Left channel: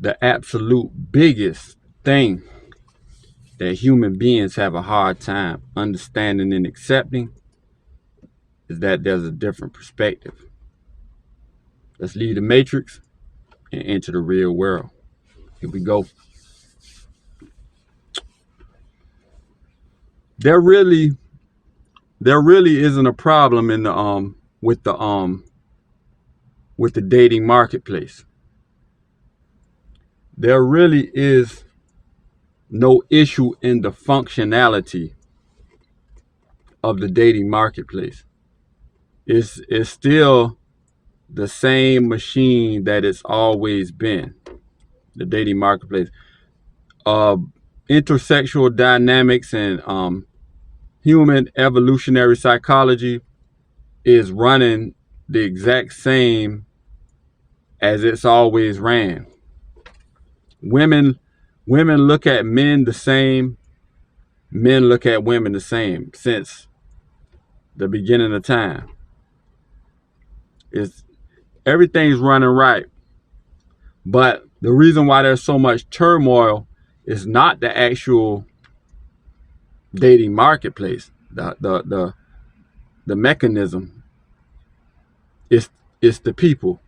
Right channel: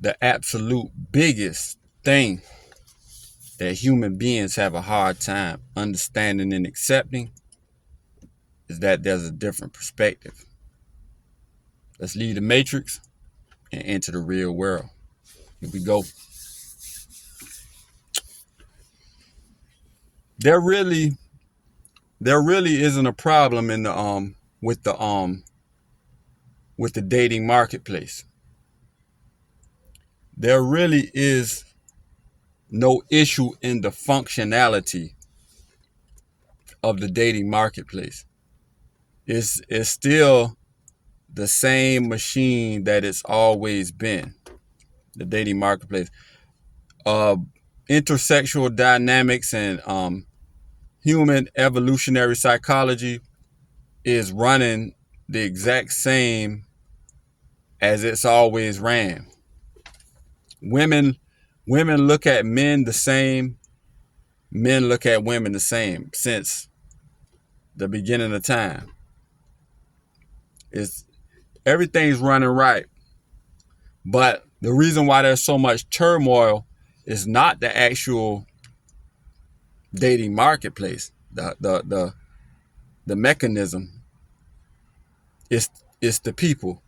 the absolute biggest thing that human beings have a hard time understanding and accepting is that there's a different perspective. Let's leave the matrix and enter the real world. Here we go. There really isn't a problem in the with the dating marketplace. There really is no issue in the functionality of the dating marketplace. It's still the same machine that it's always been. The dating marketplace. Intersexual dynamics and human evolutionary psychology is running the exact same as it's always ran. Women look at men the same. Men look at women the same since the beginning of time. Everything's running right. But the reason why there's so much turmoil is not the actual dating marketplace, the mechanism. It's the people.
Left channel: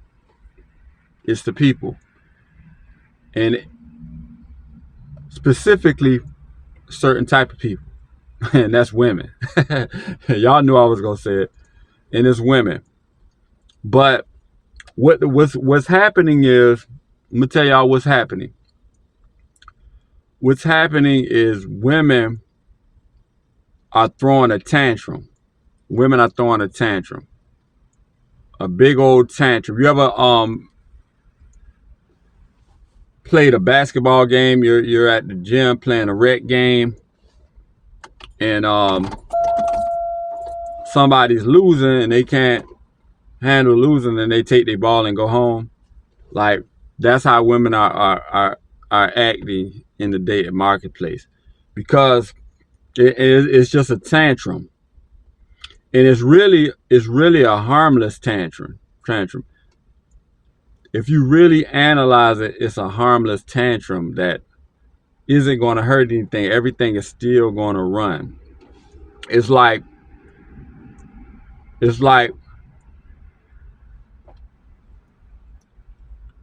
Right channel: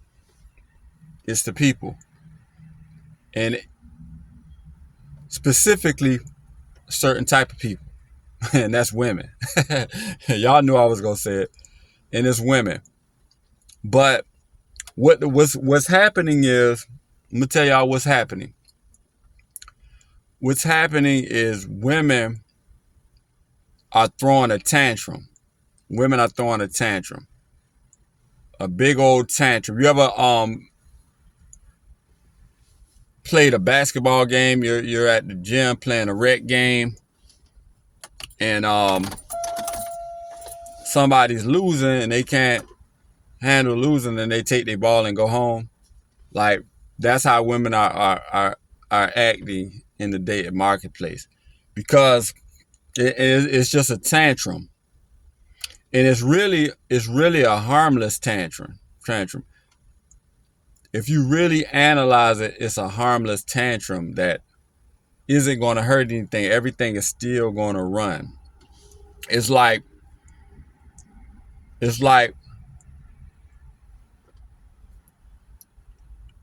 It's the people. And specifically a certain type of people. And that's women. Y'all knew I was gonna say it. And it's women. But what's happening is, I'm gonna tell y'all what's happening. What's happening is women are throwing a tantrum. Women are throwing a tantrum. A big old tantrum. You ever played a basketball game? You're at the gym playing a rec game, and somebody's losing and they can't handle losing, and they take their ball and go home. Like, that's how women are acting in the dating marketplace, because it's just a tantrum, and it's really a harmless tantrum. If you really analyze it, it's a harmless tantrum that isn't going to hurt anything. Everything is still going to run. It's like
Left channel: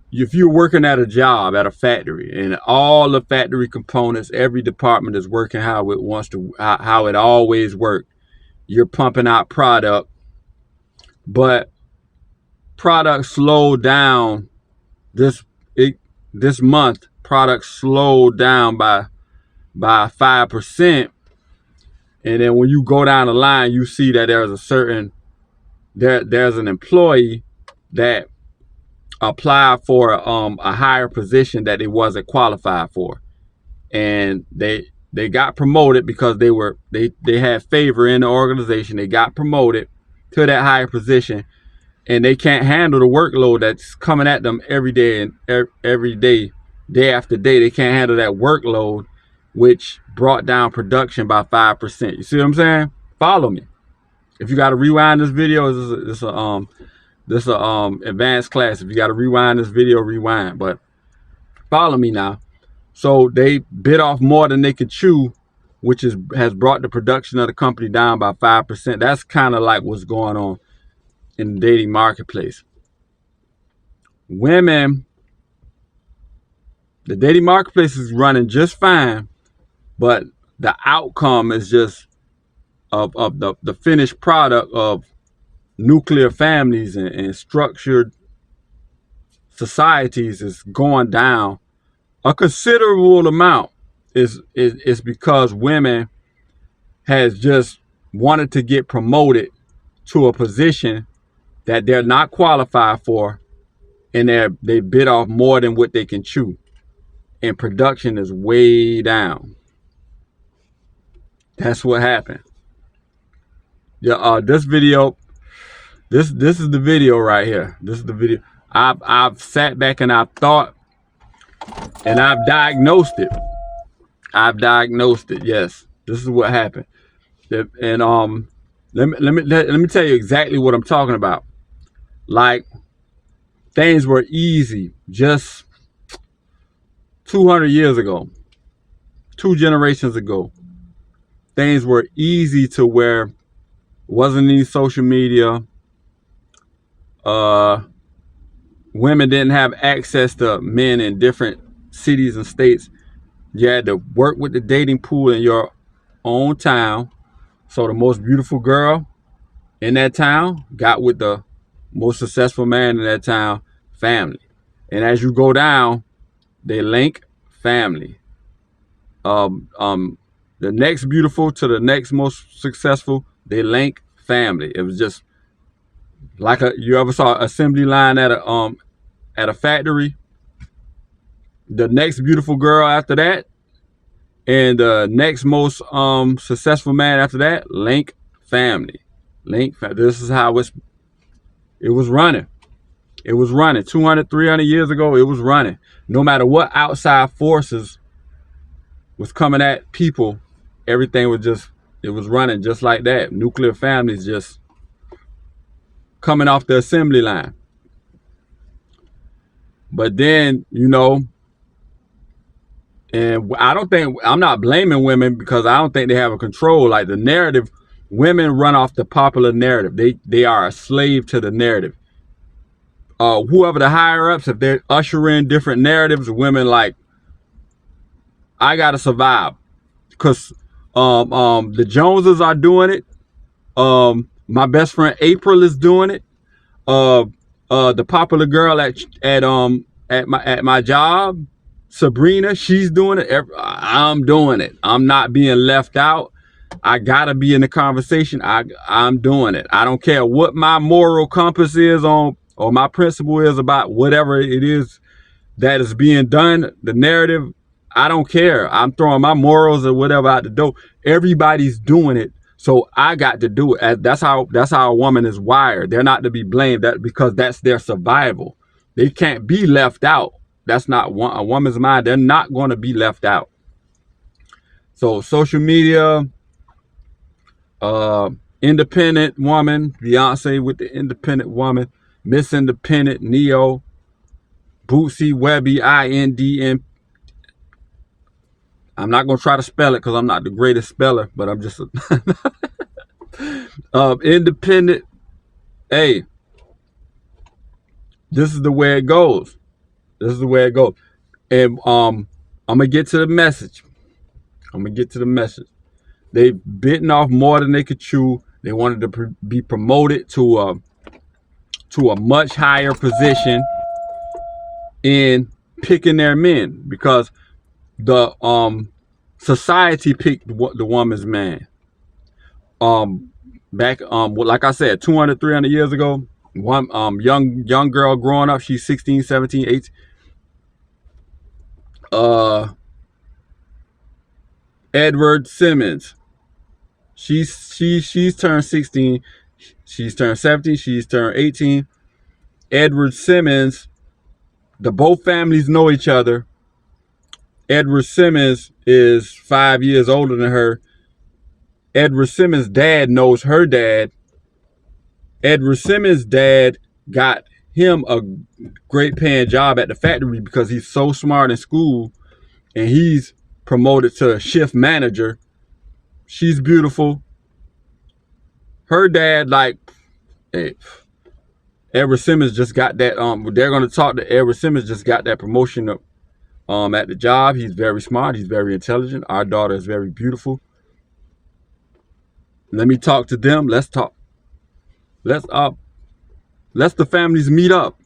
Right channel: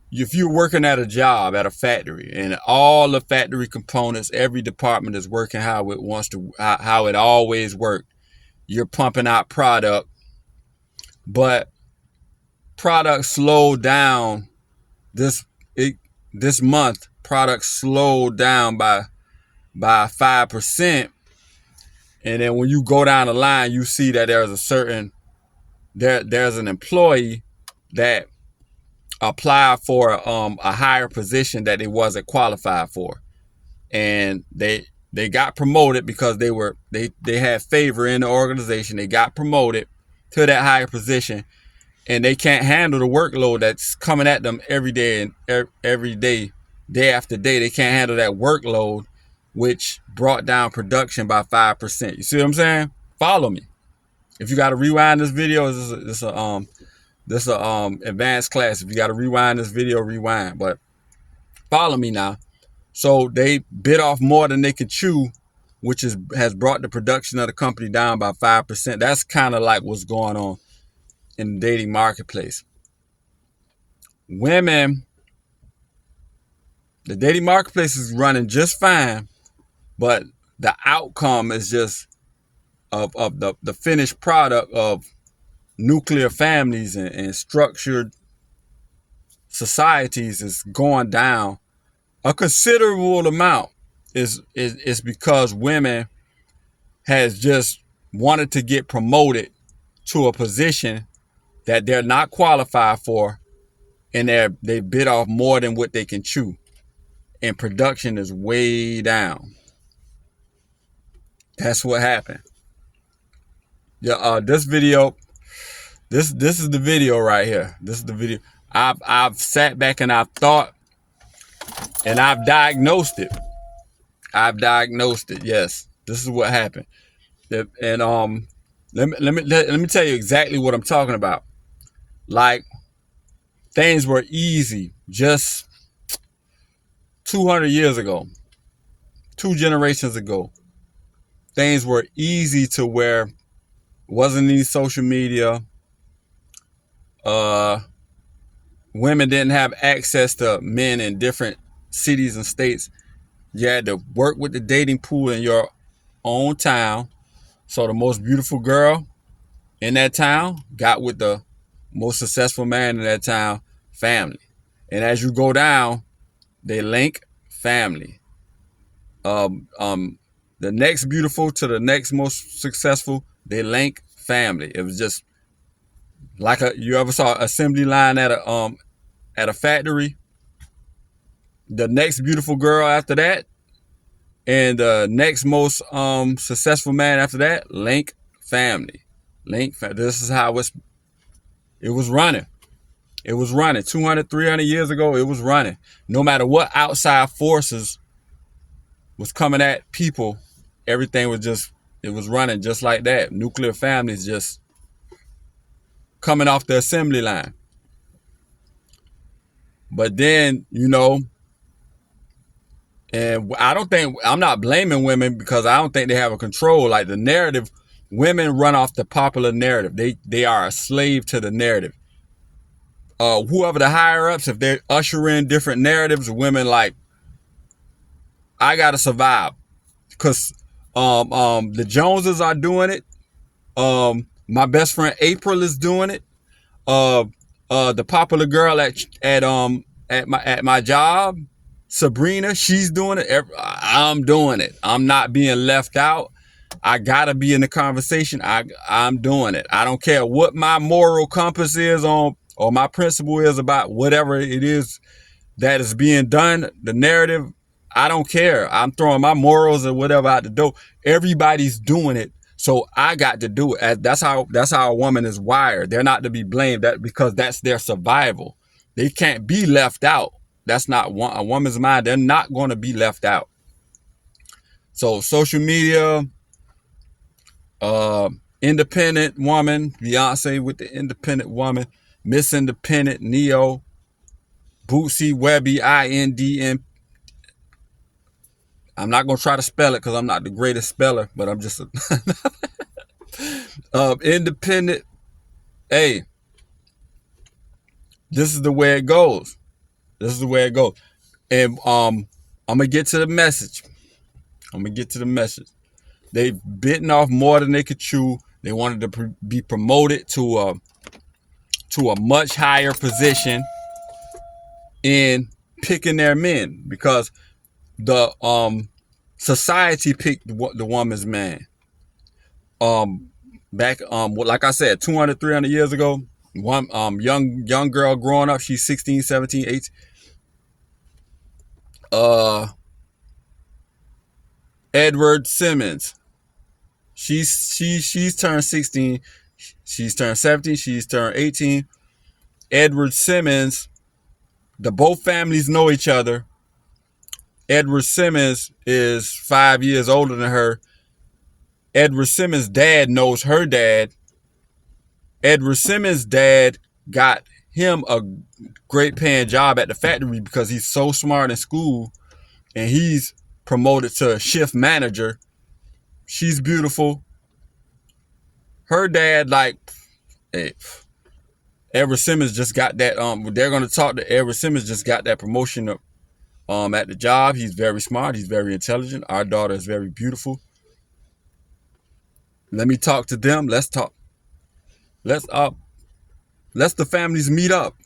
if you're working at a job at a factory, and all the factory components, every department is working how it wants to, how it always worked. You're pumping out product, but product slowed down this month. Product slowed down by 5%, and then when you go down the line, you see that there's an employee that applied for a higher position that they wasn't qualified for, and they got promoted because they had favor in the organization. They got promoted to that higher position, and they can't handle the workload that's coming at them every day and every day after day. They can't handle that workload, which brought down production by 5%. You see what I'm saying? Follow me. If you got to rewind this video, this is advanced class. If you got to rewind this video, rewind. But follow me now. So they bit off more than they could chew, which has brought the production of the company down by 5%. That's kind of like what's going on in the dating marketplace. Women, the dating marketplace is running just fine, but the outcome is just of the finished product of nuclear families and structured societies is going down. A considerable amount is because women has just wanted to get promoted to a position that they're not qualified for, and they bit off more than what they can chew, and production is way down. That's what happened. Yeah, this video, this is the video right here. This is the video. I've sat back and I've thought, and I've diagnosed it. Yes, this is what happened. And let me tell you exactly what I'm talking about. Like, things were easy just 200 years ago, 2 generations ago, things were easy to where wasn't any social media. Women didn't have access to men in different cities and states. You had to work with the dating pool in your own town. So the most beautiful girl in that town got with the most successful man in that town, family. And as you go down, they link family. The next beautiful to the next most successful, they link family. It was just like you ever saw an assembly line at a factory. The next beautiful girl after that, and the next most successful man after that, link family. This is how it was running. It was running 200, 300 years ago. It was running. No matter what outside forces was coming at people, everything was it was running just like that. Nuclear families just coming off the assembly line. But then, and I'm not blaming women because I don't think they have a control. Like the narrative, women run off the popular narrative. They are a slave to the narrative. Whoever the higher ups, if they're ushering different narratives, women like, I gotta survive, because the Joneses are doing it. My best friend April is doing it. The popular girl at my job, Sabrina, she's doing it. I'm doing it. I'm not being left out. I gotta be in the conversation. I'm doing it. I don't care what my moral compass is on, or my principle is about whatever it is that is being done, the narrative. I don't care. I'm throwing my morals or whatever out the door. Everybody's doing it, so I got to do it. That's how a woman is wired. They're not to be blamed because that's their survival. They can't be left out. That's not a woman's mind. They're not going to be left out. So social media, independent woman, Beyonce with the independent woman, Miss Independent, Neo, Bootsy, Webby, INDM. I'm not going to try to spell it because I'm not the greatest speller, but I'm just independent. Hey, this is the way it goes. This is the way it goes. And I'm going to get to the message. They've bitten off more than they could chew. They wanted to be promoted to a much higher position in picking their men, because the society picked the woman's man. Back like I said, 200, 300 years ago, one young girl growing up, she's 16, 17, 18. Edward Simmons. She's turned 16, she's turned 17, she's turned 18. Edward Simmons, both families know each other. Edward Simmons is 5 years older than her. Edward Simmons' dad knows her dad. Edward Simmons' dad got him a great paying job at the factory because he's so smart in school, and he's promoted to shift manager. She's beautiful. Her dad, Edward Simmons just got that. They're gonna talk to Edward Simmons. Just got that promotion at the job. He's very smart. He's very intelligent. Our daughter is very beautiful. Let me talk to them. Let's talk. Let's the families meet up.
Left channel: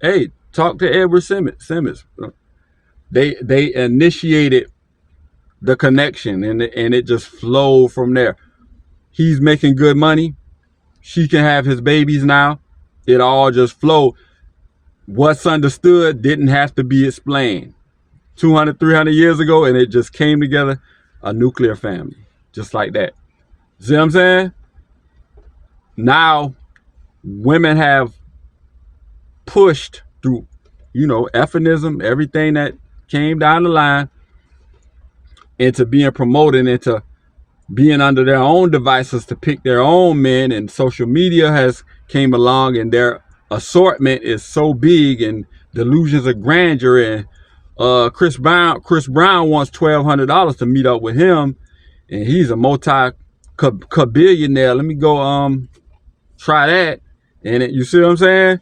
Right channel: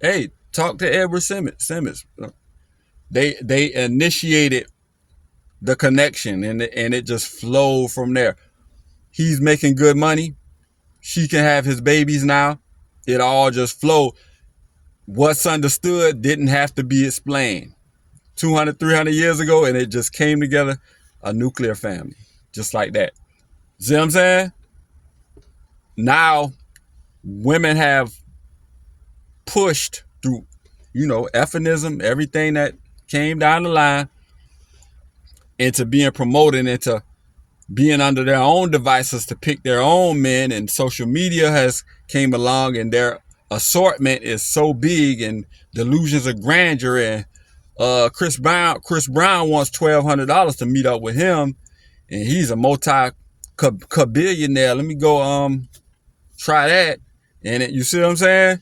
Hey, talk to Edward Simmons. They initiated the connection, and it just flowed from there. He's making good money. She can have his babies now. It all just flowed. What's understood didn't have to be explained. 200, 300 years ago, and it just came together, a nuclear family, just like that. See what I'm saying? Now, women have pushed through, feminism, everything that came down the line, into being promoted, into being under their own devices to pick their own men, and social media has came along, and their assortment is so big, and delusions of grandeur, and Chris Brown wants $1,200 to meet up with him, and he's a multi-billionaire. Let me go try that. And you see what I'm saying?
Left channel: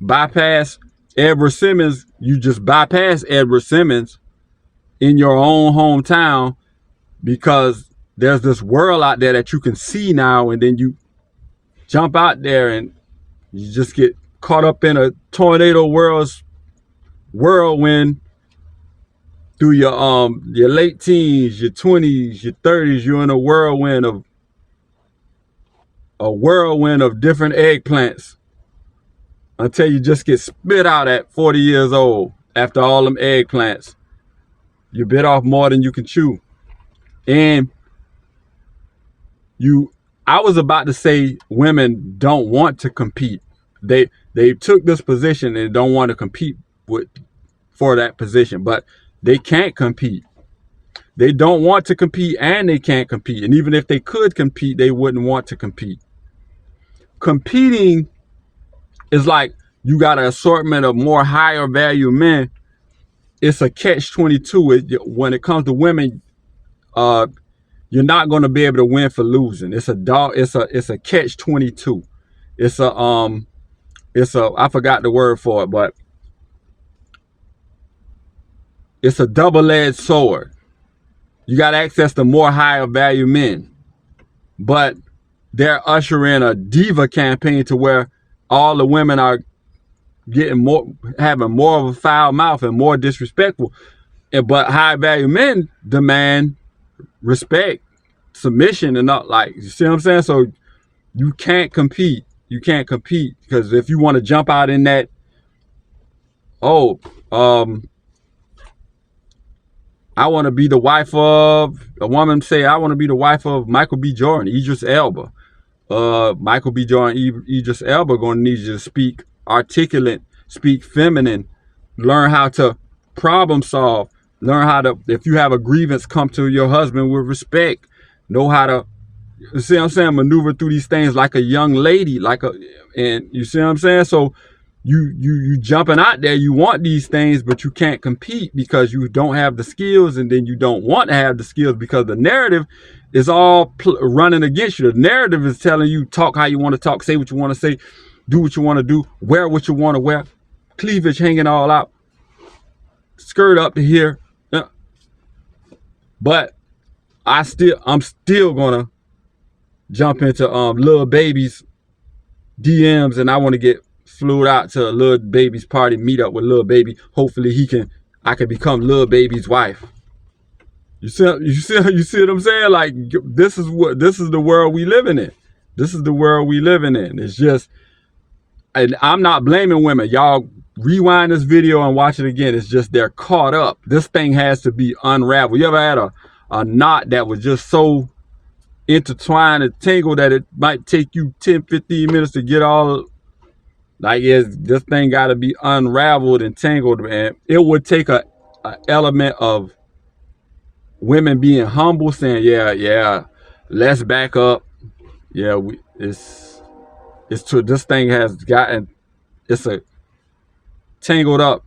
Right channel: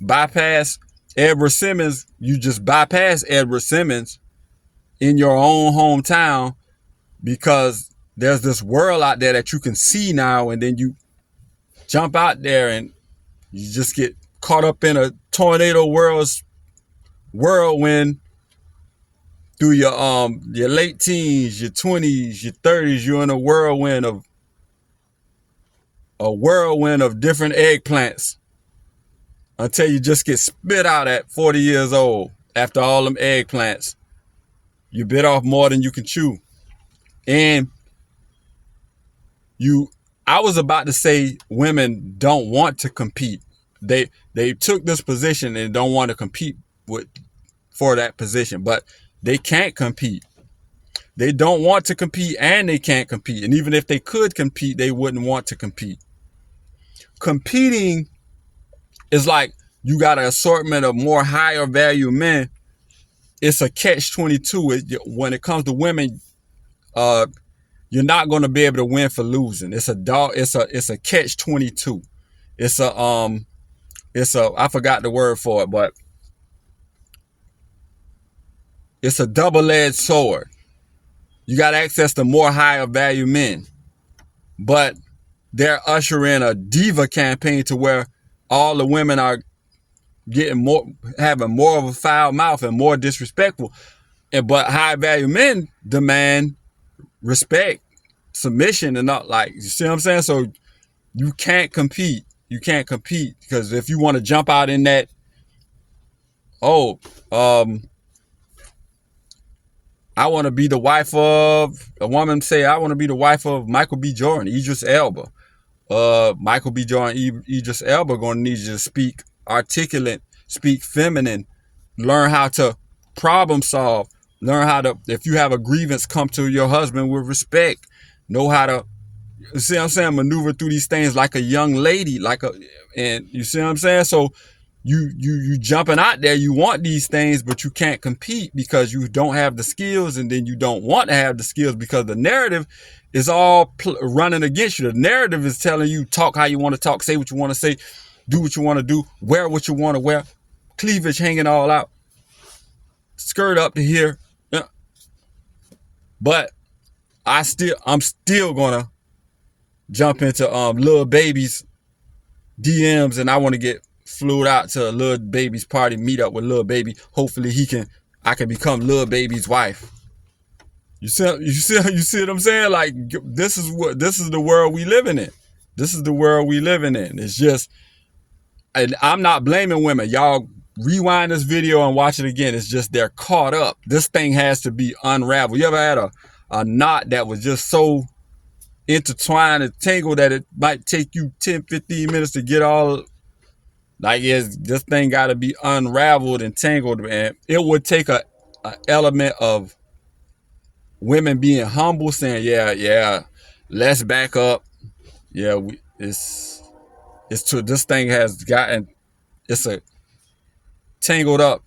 Bypass Edward Simmons. You just bypass Edward Simmons in your own hometown because there's this world out there that you can see now, and then you jump out there and you just get caught up in a tornado whirlwind through your late teens, your 20s, your 30s. You're in a whirlwind of different eggplants until you just get spit out at 40 years old. After all them eggplants, you bit off more than you can chew. And I was about to say women don't want to compete. They took this position and don't want to compete for that position, but they can't compete. They don't want to compete and they can't compete. And even if they could compete, they wouldn't want to compete. Competing is like you got an assortment of more higher value men. It's a catch-22. When it comes to women, you're not going to be able to win for losing. It's a catch-22. It's a I forgot the word for it, but it's a double-edged sword. You got access to more higher value men, but they're ushering a diva campaign to where all the women are having more of a foul mouth and more disrespectful. But high value men demand respect, submission, and not, like, you see what I'm saying? So you can't compete. You can't compete because if you want to jump out in that, I want to be the wife of, a woman say, I want to be the wife of Michael B. Jordan, Idris Elba. Michael B. Jordan, Idris Elba going to need you to speak articulate, speak feminine, learn how to problem solve, learn how to, if you have a grievance, come to your husband with respect, know how to, you see what I'm saying, maneuver through these things like a young lady, and you see what I'm saying? So you jumping out there, you want these things, but you can't compete because you don't have the skills, and then you don't want to have the skills because the narrative is all running against you. The narrative is telling you talk how you want to talk, say what you want to say, do what you want to do, wear what you want to wear, cleavage hanging all out, skirt up to here. But I'm still gonna jump into Lil Baby's DMs, and I want to get flew out to a Lil Baby's party, meet up with Lil Baby. Hopefully I can become Lil Baby's wife. You see what I'm saying? Like, this is the world we living in. This is the world we living in. It's just, and I'm not blaming women. Y'all rewind this video and watch it again. It's just they're caught up. This thing has to be unraveled. You ever had a knot that was just so intertwined and tangled that it might take you 10, 15 minutes to get all, like, yes, this thing got to be unraveled and tangled, man. It would take a element of women being humble, saying, yeah, let's back up. Yeah, this thing has gotten, it's a tangled up.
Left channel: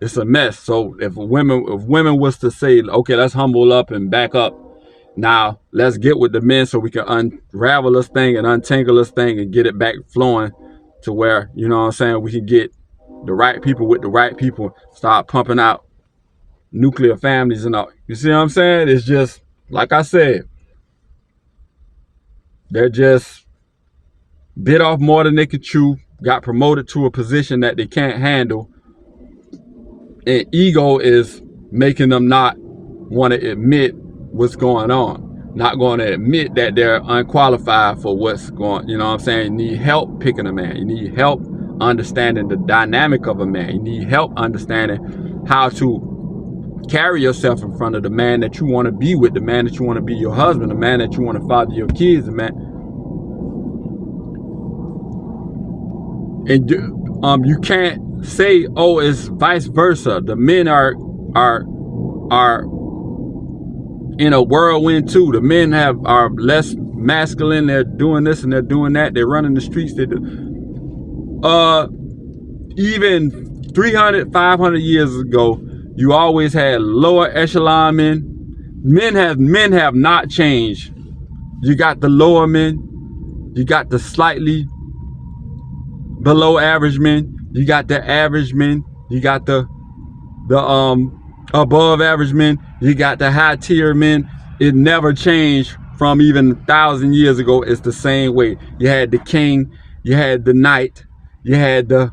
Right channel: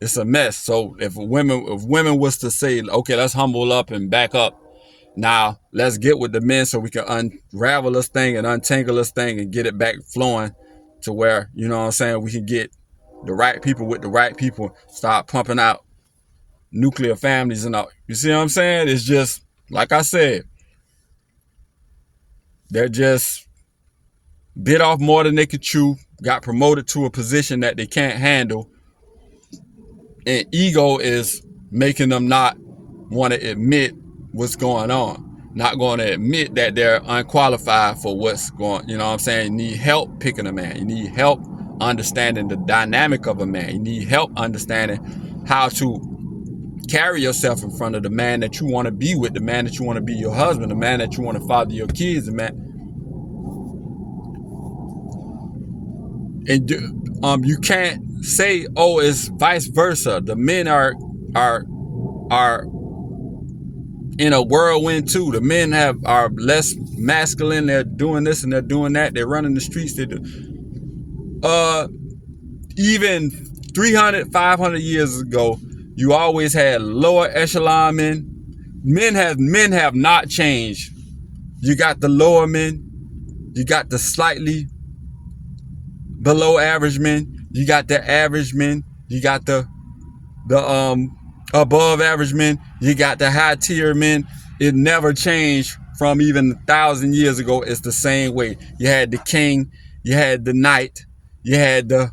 It's a mess. So if women was to say, okay, let's humble up and back up. Now let's get with the men so we can unravel this thing and untangle this thing and get it back flowing to where, you know what I'm saying, we can get the right people with the right people, start pumping out nuclear families and all. You see what I'm saying? It's just, like I said, they're just bit off more than they could chew, got promoted to a position that they can't handle, and ego is making them not want to admit what's going on, not going to admit that they're unqualified for what's going, you know what I'm saying? You need help picking a man. You need help understanding the dynamic of a man. You need help understanding how to carry yourself in front of the man that you want to be with, the man that you want to be your husband, the man that you want to father your kids, the man. And you can't say, oh, it's vice versa. The men are in a whirlwind too. The men are less masculine. They're doing this and they're doing that. They're running the streets. They do. Even 300, 500 years ago, You always had lower echelon men. Men have not changed. You got the lower men. You got the slightly below average men. You got the average men. You got the above average men. You got the high tier men. It never changed from even 1,000 years ago. It's the same way. You had the king. You had the knight. You had the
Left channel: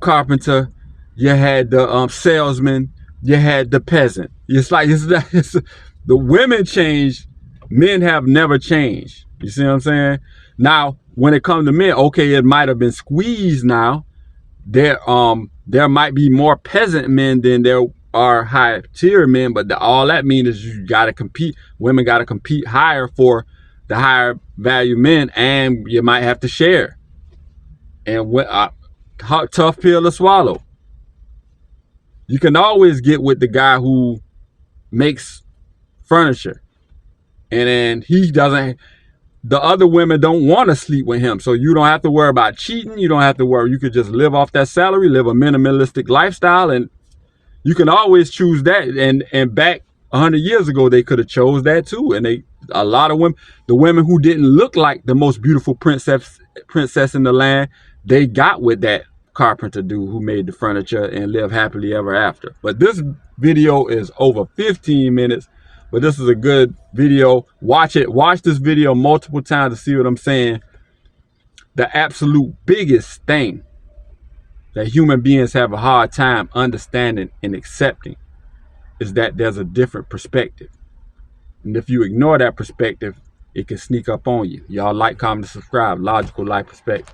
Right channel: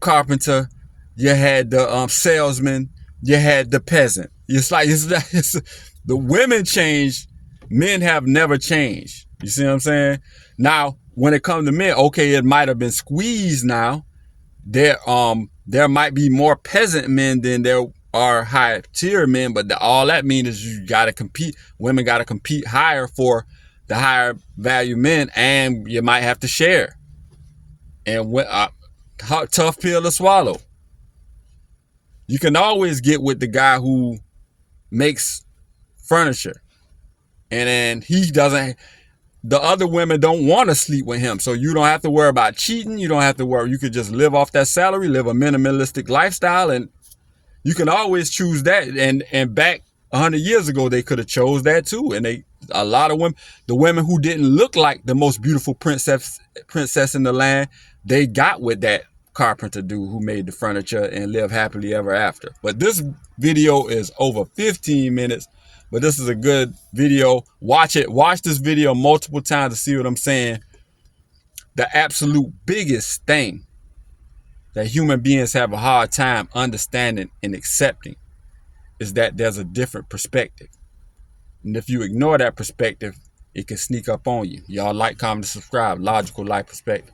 carpenter. You had the salesman. You had the peasant. It's the women changed. Men have never changed. You see what I'm saying? Now, when it comes to men, okay, it might have been squeezed now. There might be more peasant men than there are high tier men, but all that means is you gotta compete. Women gotta compete higher for the higher value men, and you might have to share. And tough pill to swallow. You can always get with the guy who makes furniture, and then he doesn't. The other women don't want to sleep with him, so you don't have to worry about cheating. You don't have to worry. You could just live off that salary, live a minimalistic lifestyle, and you can always choose that. And back 100 years ago, they could have chose that too. And a lot of women, the women who didn't look like the most beautiful princess in the land, they got with that carpenter dude who made the furniture and lived happily ever after. But this video is over 15 minutes. But this is a good video. Watch it. Watch this video multiple times to see what I'm saying. The absolute biggest thing that human beings have a hard time understanding and accepting is that there's a different perspective. And if you ignore that perspective, it can sneak up on you. Y'all like, comment, and subscribe. Logical Life Perspective.